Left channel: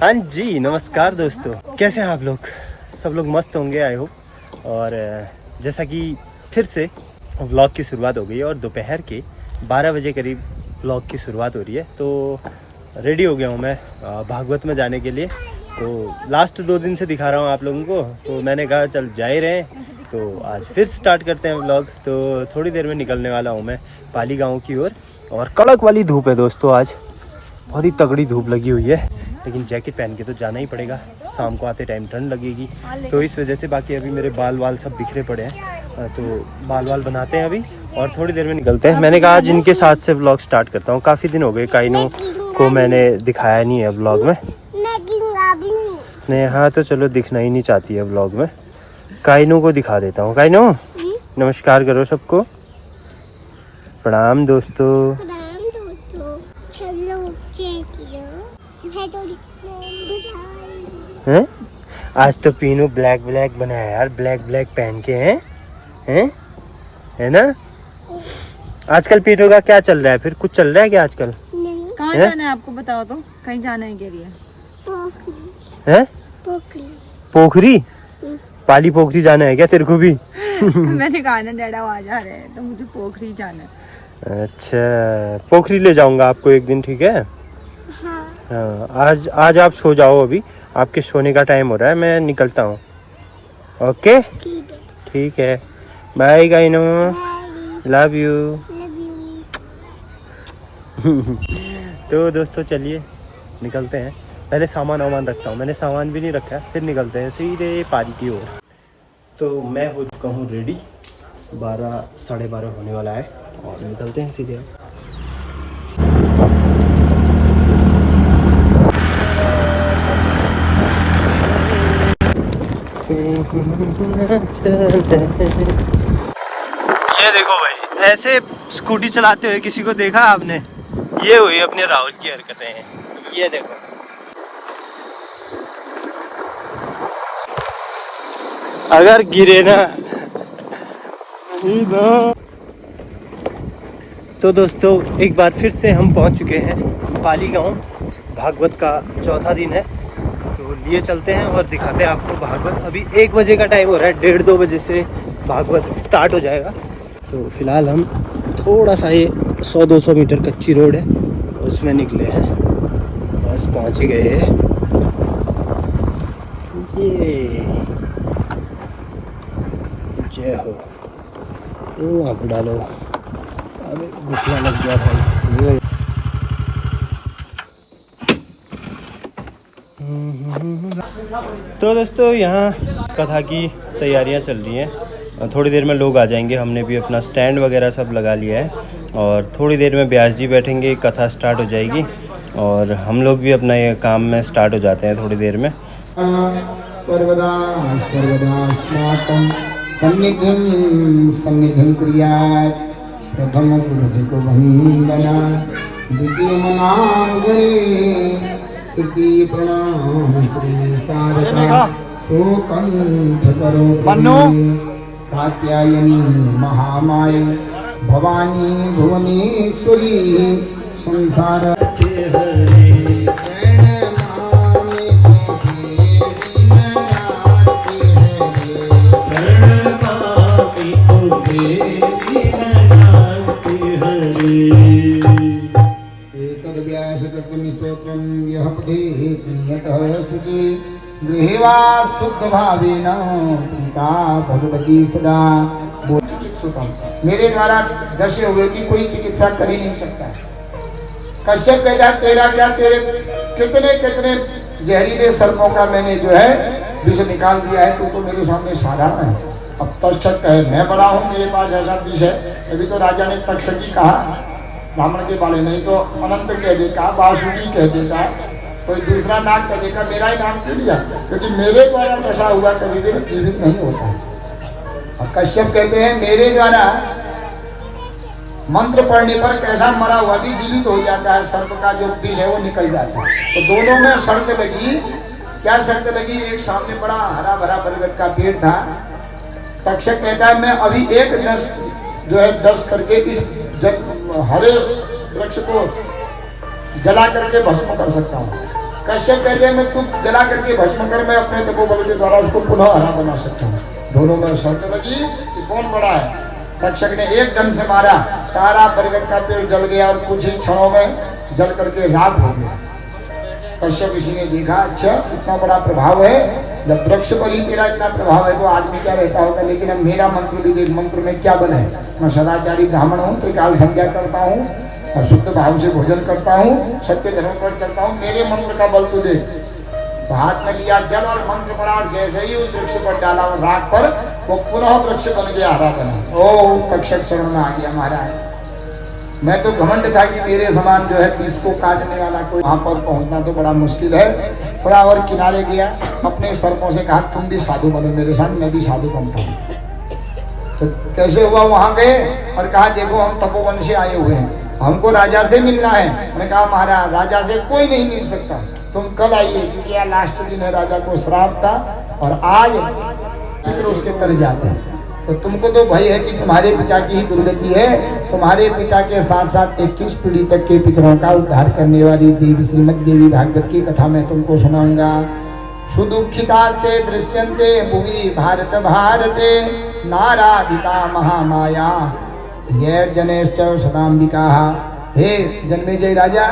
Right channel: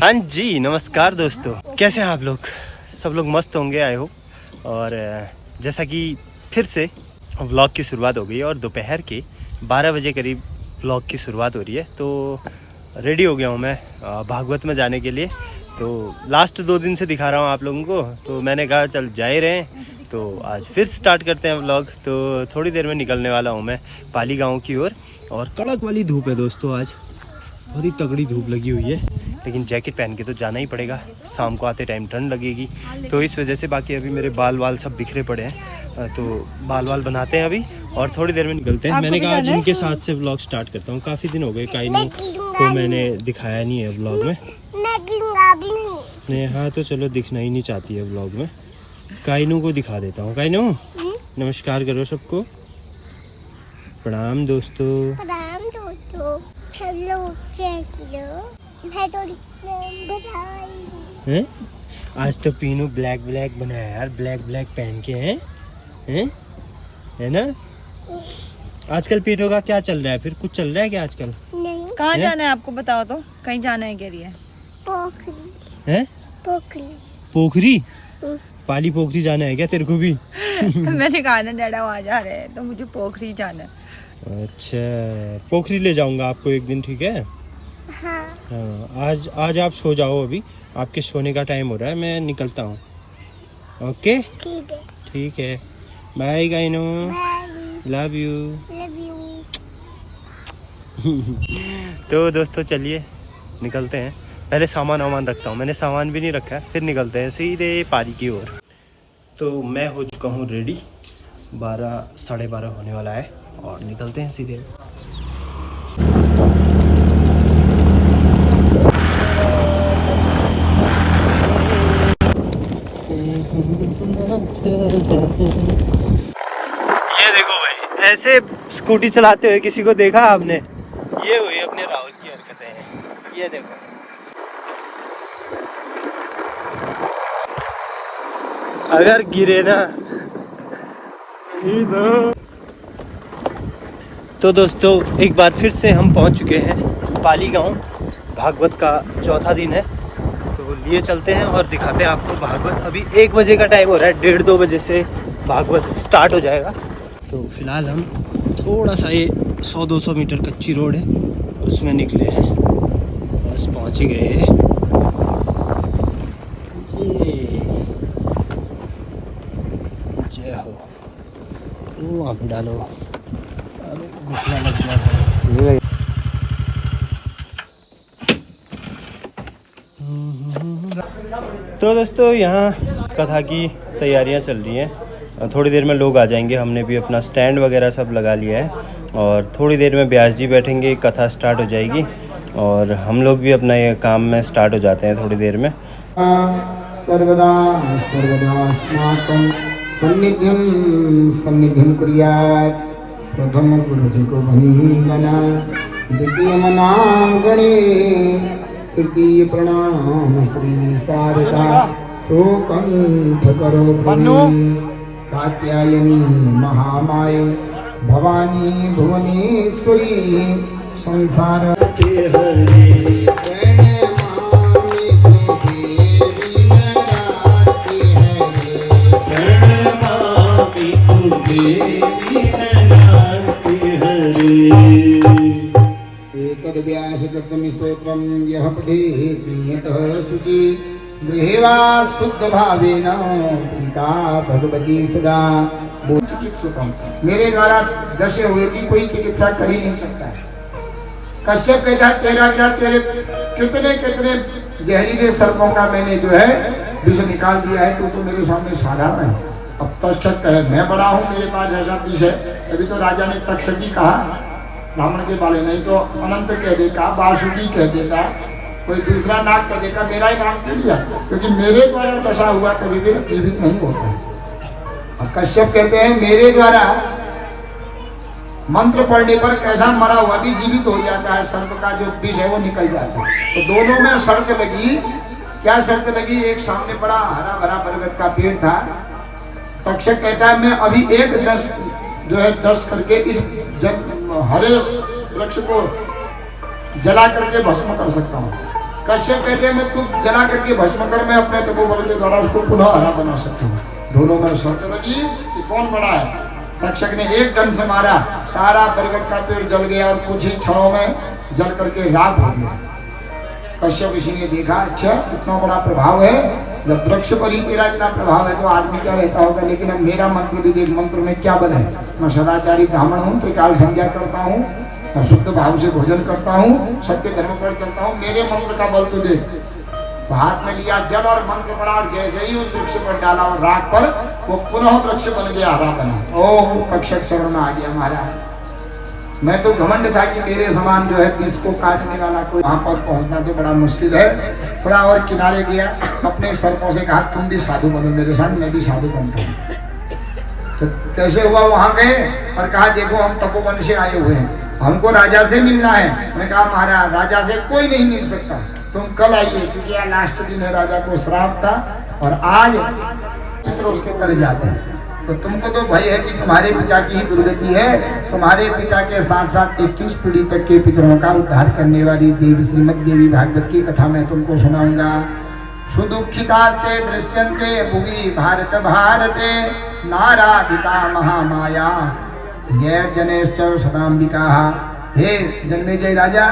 हाँ जी, नमस्कार दोस्तों, कैसे हैं आप लोग? सब लोग मस्त होंगे आई होप। और जैसा कि फिर से व्लॉग की शुरुआत हो गई है और दोपहर के 12 बजे करीब व्लॉग की शुरुआत हो रही है। तो रेडी हो गया हूँ मैं भागवत में जाने के लिए। तो लास्ट 2 दिन से दिखा रहा हूँ आप लोगों को, तो मैंने कहा चल जा ही रहे हैं, तो आज फिर स्टार्ट करते हैं व्लॉग। तो थोड़ी देर में निकलने वाला हूँ मैं पाली गाँव की ओर। और कड़क वाली धूप है दोस्तों, आज बहुत ही तगड़ी धूप लगी हुई है, लेकिन जैकेट पहन के तो जाना ही पड़ेगा, शाम को आते टाइम ठंड लगेगी। तो इस वजह से बाकी अभी मेरे बाल सब बिखरे पड़े हैं, तो बाल बनाते हैं अभी और थोड़ी देर में निकलते हैं। मैंने कहा आज इनके साथ से व्लॉग स्टार्ट करता हूँ। काफ़ी दिन हो गए काइनू को मैंने दिखाया नहीं है व्लॉग में। नेहा तो चलो दिखना ही नहीं चाहती है व्लॉग में, काइनू को दिखा देता हूँ। काइनू नमस्कार करो सबको, प्रणाम दोस्तों। हैं? आज तो पीनू ब्लैक बनाया यार, ब्लैक पहन के हैं है ना। आजकल पीनू का क्या चल रहा है फिर? कुछ चल रहा है क्या आजकल? कहाँ जाना है आपको बताओ तो? कहीं जाना है कह रही है। पोखरी? पाली पोखरी जाना है क्या तेरे को भी? मैंने कहा ना डैडा वहाँ जा रहे हैं, तो मुझे पोखरी जाना है। अच्छा, पोखरी ले जाऊंगा आपको एक दिन, ठीक है? हाँ, आज आप सो जाओ, अभी आपके सोने का टाइम हो रहा है, मैं निकलता हूँ। ओके ठीक है, बाय गाइनो, लव यू। तो दोस्तों चलिए निकलते हैं। पहले सामान रखता हूँ, मैंने सामान भी नहीं रखा है, फिर निकलते हैं सीधे पारी की ओर। तो मैं हो चुका हूँ रेडी, 12 साढ़े 12 होने वाला है और निकलते हैं सीधे। ये देखो भाई, ऐसे स्कूटी चलाते हुए किसी को देखा आपने? ये हुई अपने राहुल की हरकतें, ये देखो। अगर गिरे ना तो दोस्तों एक बार फिर से हम पहुंच चुके हैं पाली गांव। भागवत का चौथा दिन है, तो लिए चलते हैं और दिखाते हैं आपको भागवत। अभी 1 बजे का टाइम हो रहा है, 1:30-2 बजे से भागवत स्टार्ट हो जाएगा। तो फिलहाल हम थोड़ा सा ये 100-200 मीटर कच्ची रोड है उसमें निकले हैं, बस पहुंच ही गए हैं। ये जय हो, वो वहाँ पर डालो, अरे घुटना लग गया था। तो दोस्तों यहाँ कथा की तैयारियाँ चल रही हैं, थोड़ी देर में लोग आ जाएंगे। हमने भी अपना स्टैंड वगैरह सब लगा लिया है और थोड़ी देर में व्यास जी बैठेंगे, कथा स्टार्ट हो जाएगी और हम लोग भी अपना ये काम में स्टार्ट हो जाते हैं थोड़ी देर में। सर्वदा अस्माकं सन्निधिं कुर्यात्। प्रथम गुरुजिको वंदना, द्वितीय मनाम गणेश, तृतीय प्रणाम श्री शारदा, सोकंठ करो पुरी, कात्यायनी महामाये, भवानी भुवनेश्वरी, संसार के हरे। स्तोत्रम यह पठेत् नियतः शुचि, गृहे वा शुद्ध भावेन पिता भगवती सदा। चिकित्सकम, मेरे द्वारा दशे हुए की कोई चिकित्सा कर ही नहीं सकता। कश्यप कहता है तेरा क्या, तेरे कितने जहरीले सर्पों का मैंने जो है विष निकाल दिया है, तो मेरे सामने साधारण है। अब तक्षक कहे मैं बड़ा हूँ, मेरे पास ऐसा विष है। अभी तो राजा ने तक्षकी कहा, ब्राह्मण के बाले, नहीं तो अनंत कह देता, वासुकी कह देता, कोई दूसरा नाम कह देगा, मेरा ही नाम क्यों लिया? क्योंकि मेरे द्वारा दशा हुआ कभी भी जीवित नहीं होता। और कश्यप कहते हैं मेरे द्वारा मंत्र पढ़ने पर कैसा मरा हुआ भी जीवित हो जाता है, सर्प का जो विष है वो निकल जाता है। तो दोनों में शर्त लगी, क्या शर्त लगी? एक सामने बड़ा हरा भरा बरगद का पेड़ था। तक्षक कहता है मैं अभी एक दस करके इस हरे वृक्ष को जला करके भस्म कर सकता हूँ। कश्यप कहते हैं मैं तू जला करके भस्म कर, मैं अपने तपोबल के द्वारा उसको पुनः हरा बना सकता हूँ। दोनों पर शर्त लगी कि कौन बड़ा है। तक्षक ने एक डंड से मारा, सारा बरगद का पेड़ जल गया और कुछ ही क्षणों में जल करके राख हो गया। कश्यप ऋषि ने देखा, अच्छा इतना बड़ा प्रभाव है, जब वृक्ष पर ही तेरा इतना प्रभाव है तो आदमी का रहता होगा, लेकिन अब मेरा मंत्र भी देख, मंत्र में क्या बल है। मैं सदाचारी ब्राह्मण हूँ, त्रिकाल संध्या करता हूँ, शुद्ध भाव से भोजन करता हूँ, सत्य धर्म पर चलता हूँ, मेरे मंत्र का बल तो देख। तो हाथ में लिया जल और मंत्र पड़ा और जैसे ही उस वृक्ष पर डाला और राख पर, वो पुनः वृक्ष बन गया, हरा बना। ओ तक्षक शरण में आ गया, महाराज मैं तो घमंड था कि मेरे समान जो है विष को काटने वाला कोई, वहां पर पहुंचना तो बड़ा मुश्किल है। थोड़ा और किनारे गया, अपने सर्पों से कहा तुम भी साधु बनो मेरे साथ, मैं भी साधु बनता हूँ। तो कैसे हुआ, वहां गए और कहा देखो हम तपोवन से आए हुए हैं, हमको राजा से मिलना है। मैंने कहा महाराज राजा से कोई नहीं मिल सकता, तुम कल आइए, क्योंकि यह लास्ट दिन है, राजा को श्राप था और आज उसके कर जाते हैं। तो तुमको तो भय है कि तुम्हारे पिता की ही दुर्गति है। तुम्हारे पिता के साथ साथ 21 पीढ़ी तक के पितरों का उद्धार करने वाली देवी श्रीमद देवी भागवत की कथा मैं तुमको सुनाऊंगा। सुदुखितास्ते दृश्यन्ते भुवि भारत भारते नाराधिता महामाया जनेश्च सदाम्बिका। हे जन्मेजय राजा,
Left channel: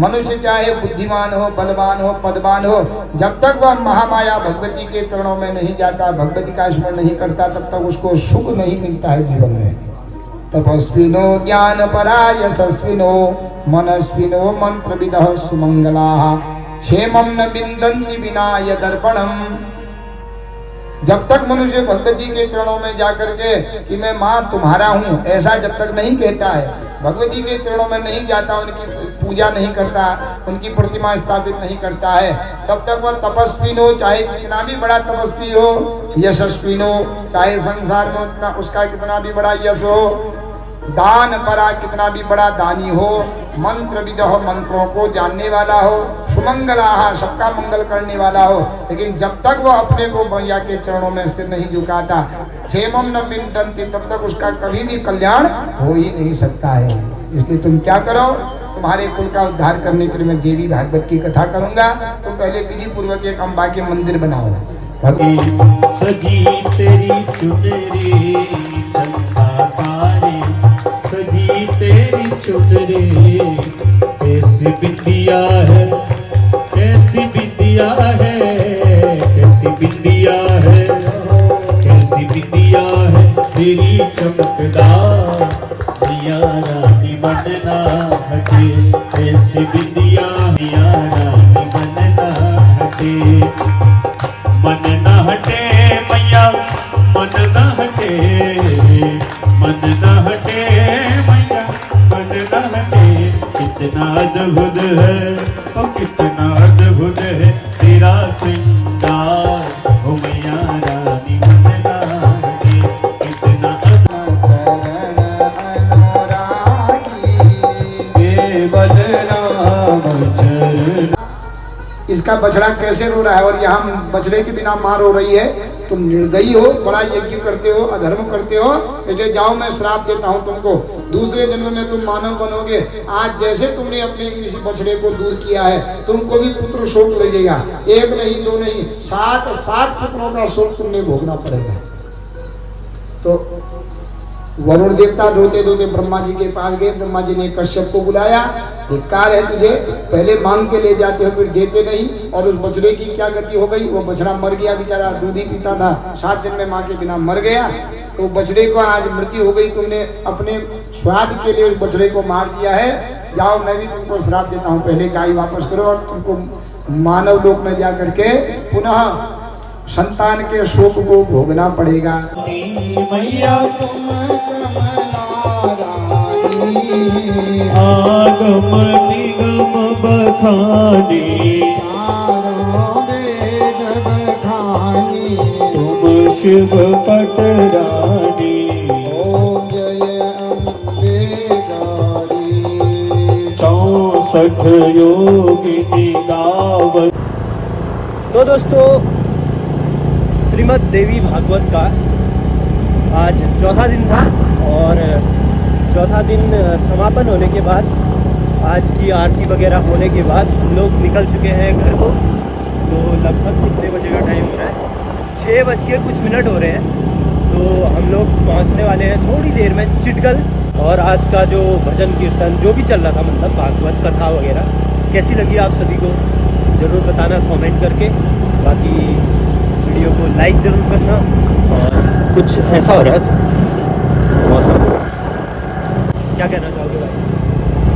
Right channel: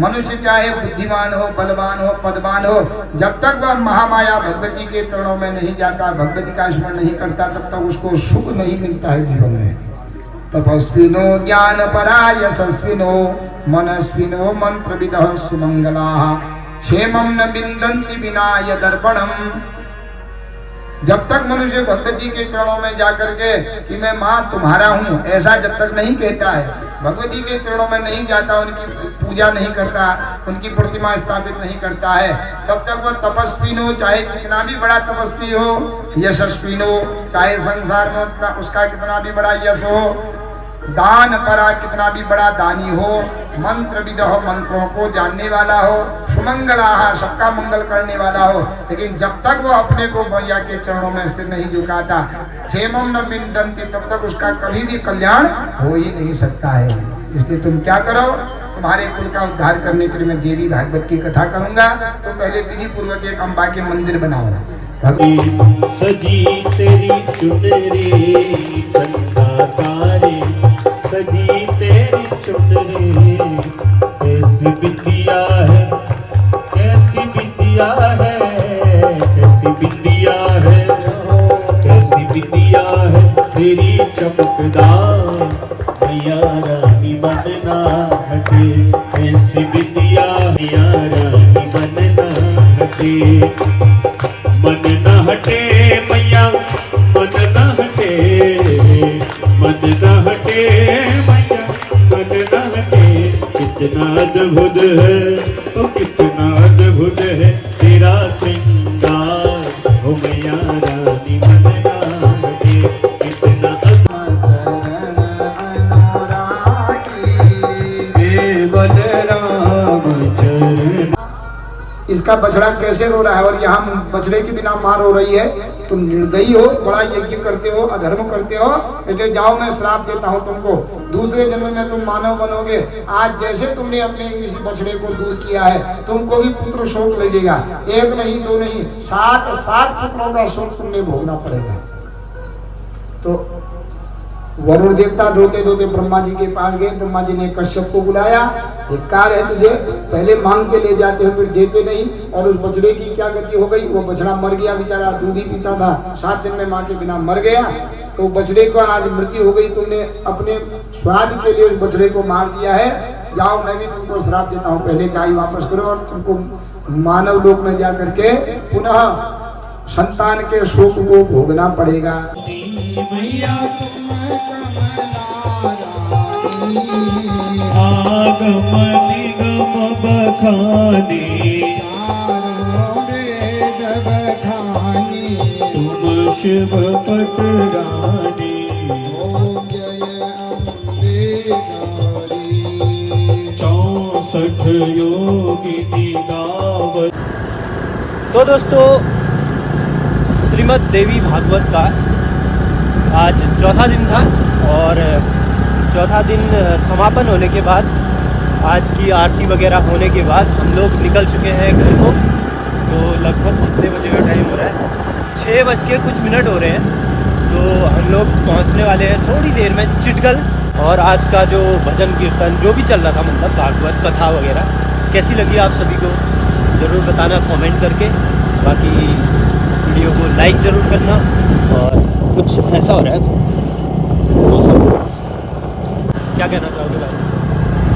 मनुष्य चाहे बुद्धिमान हो, बलवान हो, पदवान हो, जब तक वह महामाया भगवती के चरणों में नहीं जाता, भगवती का स्मरण नहीं करता, तब तक उसको सुख नहीं मिलता है जीवन में। तपस्विनो ज्ञान परा यशस्विनो मनस्विनो मंत्रविदः सुमंगलाः क्षेमं न विन्दन्ति विना यदर्पणम्। जब तक मनुष्य भगवती के चरणों में जाकर के कि मैं माँ तुम्हारा हूँ, ऐसा जब तक नहीं कहता है, भगवती के चरणों में नहीं जाता, उनकी पूजा नहीं करता, उनकी प्रतिमा स्थापित नहीं करता है, तब तक वह तपस्वी हो, चाहे कितना भी बड़ा तपस्वी हो, यशस्वी हो, चाहे संसार में उसका कितना भी बड़ा यश हो, दान परा कितना भी बड़ा दानी हो, मंत्र विदः मंत्रों को जानने वाला हो, सुमंगलाः सबका मंगल करने वाला हो, लेकिन जब तक वह अपने को मैया के चरणों में सिर नहीं झुकाता, क्षेमं न विन्दन्ति, तब तक उसका कभी भी कल्याण हो ही नहीं सकता है। इसलिए तुम क्या करो, तुम्हारे कुल का उद्धार करने के लिए मैं देवी भागवत की कथा करूंगा। तो पहले विधि पूर्वक एक अम्बा के मंदिर बनाओ। सजी तेरी चुनरी चंदा तारे, सजी तेरी चुनरी ऐसी बिंदिया है, ऐसी बिंदिया है, ऐसी बिंदिया है, ऐसी बिंदिया है तेरी चमकदार, मिया रानी बनना हटे, ऐसी बिंदिया मिया रानी बनना हटे। मन न हटे मैया, मन न हटे, मन न हटे मैया, मन न हटे। कितना अद्भुत है, ओ कितना अद्भुत है तेरा श्रृंगार, ओ मैया रानी मन न हटे। कितना इसका बछड़ा कैसे रो रहा है और यहाँ बछड़े के बिना मां रो रही है। तुम निर्दयी हो, बड़ा यज्ञ करते हो, अधर्म करते हो, इसलिए जाओ मैं श्राप देता हूँ तुमको, दूसरे जन्म में तुम मानव बनोगे। आज जैसे तुमने अपने किसी बछड़े को दूर किया है, तुमको भी पुत्र शोक लगेगा, एक नहीं दो नहीं 7 पुत्रों का शोक तुमने भोगना पड़ेगा। तो वरुण देवता रोते रोते ब्रह्मा जी के पास गए। ब्रह्मा जी ने कश्यप को बुलाया, एक कार्य है तुझे, पहले मांग के ले जाते हो फिर देते नहीं। और उस बछड़े की क्या गति हो गई, वो बछड़ा मर गया, बेचारा दूध ही पीता था, 7 दिन में माँ के बिना मर गया। तो बछड़े को आज मृत्यु हो गई, तुमने अपने स्वाद के लिए उस बछड़े को मार दिया है। जाओ मैं भी तुमको श्राप देता हूँ, पहले गाय वापस करो और तुमको मानव लोक में जा करके पुनः संतान के शोक को भोगना पड़ेगा। मैया तुम आगम निगम बखानी, तुम शिव पटरानी, ओम जय अम्बे गारी, 64 योगिनी दावत। तो दोस्तों, श्रीमद् देवी भागवत का आज चौथा दिन था और चौथा दिन समापन होने के बाद आज की आरती वगैरह होने के बाद हम लोग निकल चुके हैं घर को। तो लगभग कितने बजे का टाइम हो रहा है? 6:00 हो रहे हैं। तो हम लोग पहुंचने वाले हैं थोड़ी देर में चिटगल। और आज का जो भजन कीर्तन जो भी चल रहा था, मतलब भागवत कथा वगैरह, कैसी लगी आप सभी को ज़रूर बताना कमेंट करके। बाकी वीडियो को लाइक ज़रूर करना। और कुछ ऐसा हो रहा है मौसम, क्या कहना चाहोगे भाई?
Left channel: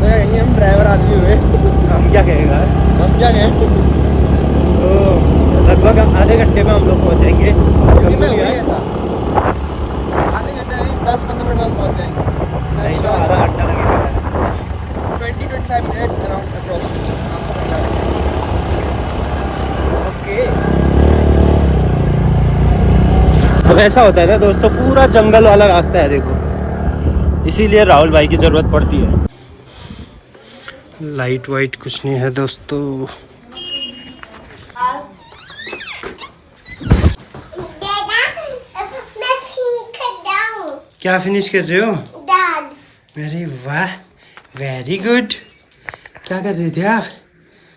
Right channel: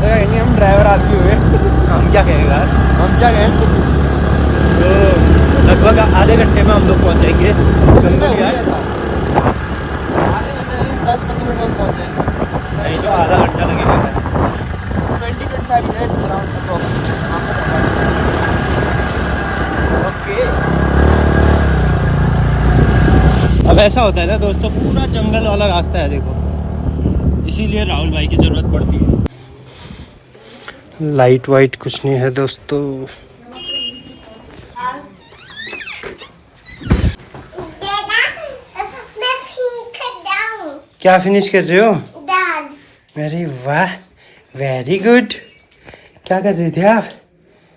कहेंगे हम ड्राइवर आदमी हुए। हम क्या कहेंगे यार? हम क्या कहें? तो लगभग आधे घंटे में हम लोग पहुंच जाएंगे गंगोलिया। आधे घंटे नहीं, 10-15 मिनट में पहुंच जाएंगे। नहीं तो आधा घंटा लगेगा। 20-25 मिनट्स अराउंड अप्रॉक्स। ओके। अब ऐसा होता है ना दोस्तों, पूरा जंगल वाला रास्ता है देखो, इसीलिए राहुल भाई की ज़रूरत पड़ती है। लाइट वाइट कुछ नहीं है दोस्तों। क्या फिनिश कर रहे हो? दाल। अरे वाह, वेरी गुड। क्या कर रही थी आप?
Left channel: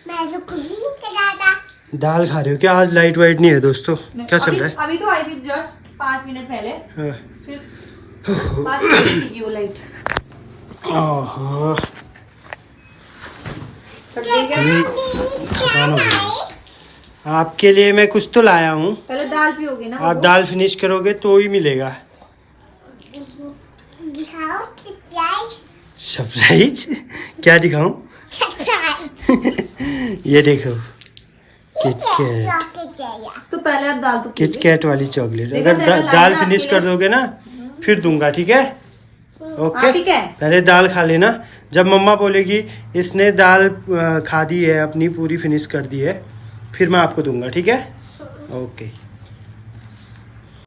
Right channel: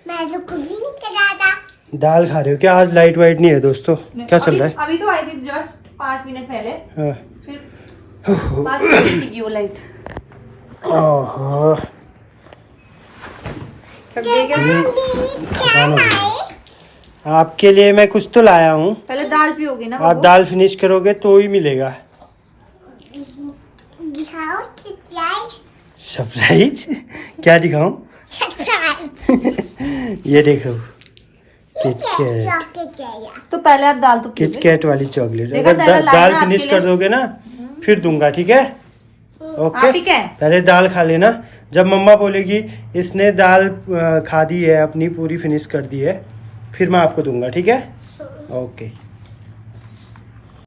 मैं तो कुछ नहीं कर रहा था। दाल खा रहे हो क्या? आज लाइट वाइट नहीं है दोस्तों, क्या चल रहा है? अभी तो आई थी जस्ट 5 मिनट पहले, हाँ। फिर 5 मिनट की वो लाइट। ओहो, थकान हो गई। आपके लिए मैं कुछ तो लाया हूँ, पहले दाल पियोगे ना? आप दाल फिनिश करोगे तो ही मिलेगा दिखाओ सरप्राइज। सरप्राइज। क्या दिखाऊं? सरप्राइज। ये देखो, किटकैट। चॉकलेट चाहिए। तो पहले आप दाल तो पियोगे। किटकैट वाली चॉकलेट। देखा अगर पहले दाल लाना फिनिश आपके कर दोगे ना फिर दूंगा, ठीक है? ओके, ठीक है। पहले दाल खा लेना। जब मम्मा बोलेगी इसने दाल खा दी है अपनी, पूरी फिनिश कर दी है, फिर मैं आपको दूंगा, ठीक है? ओके।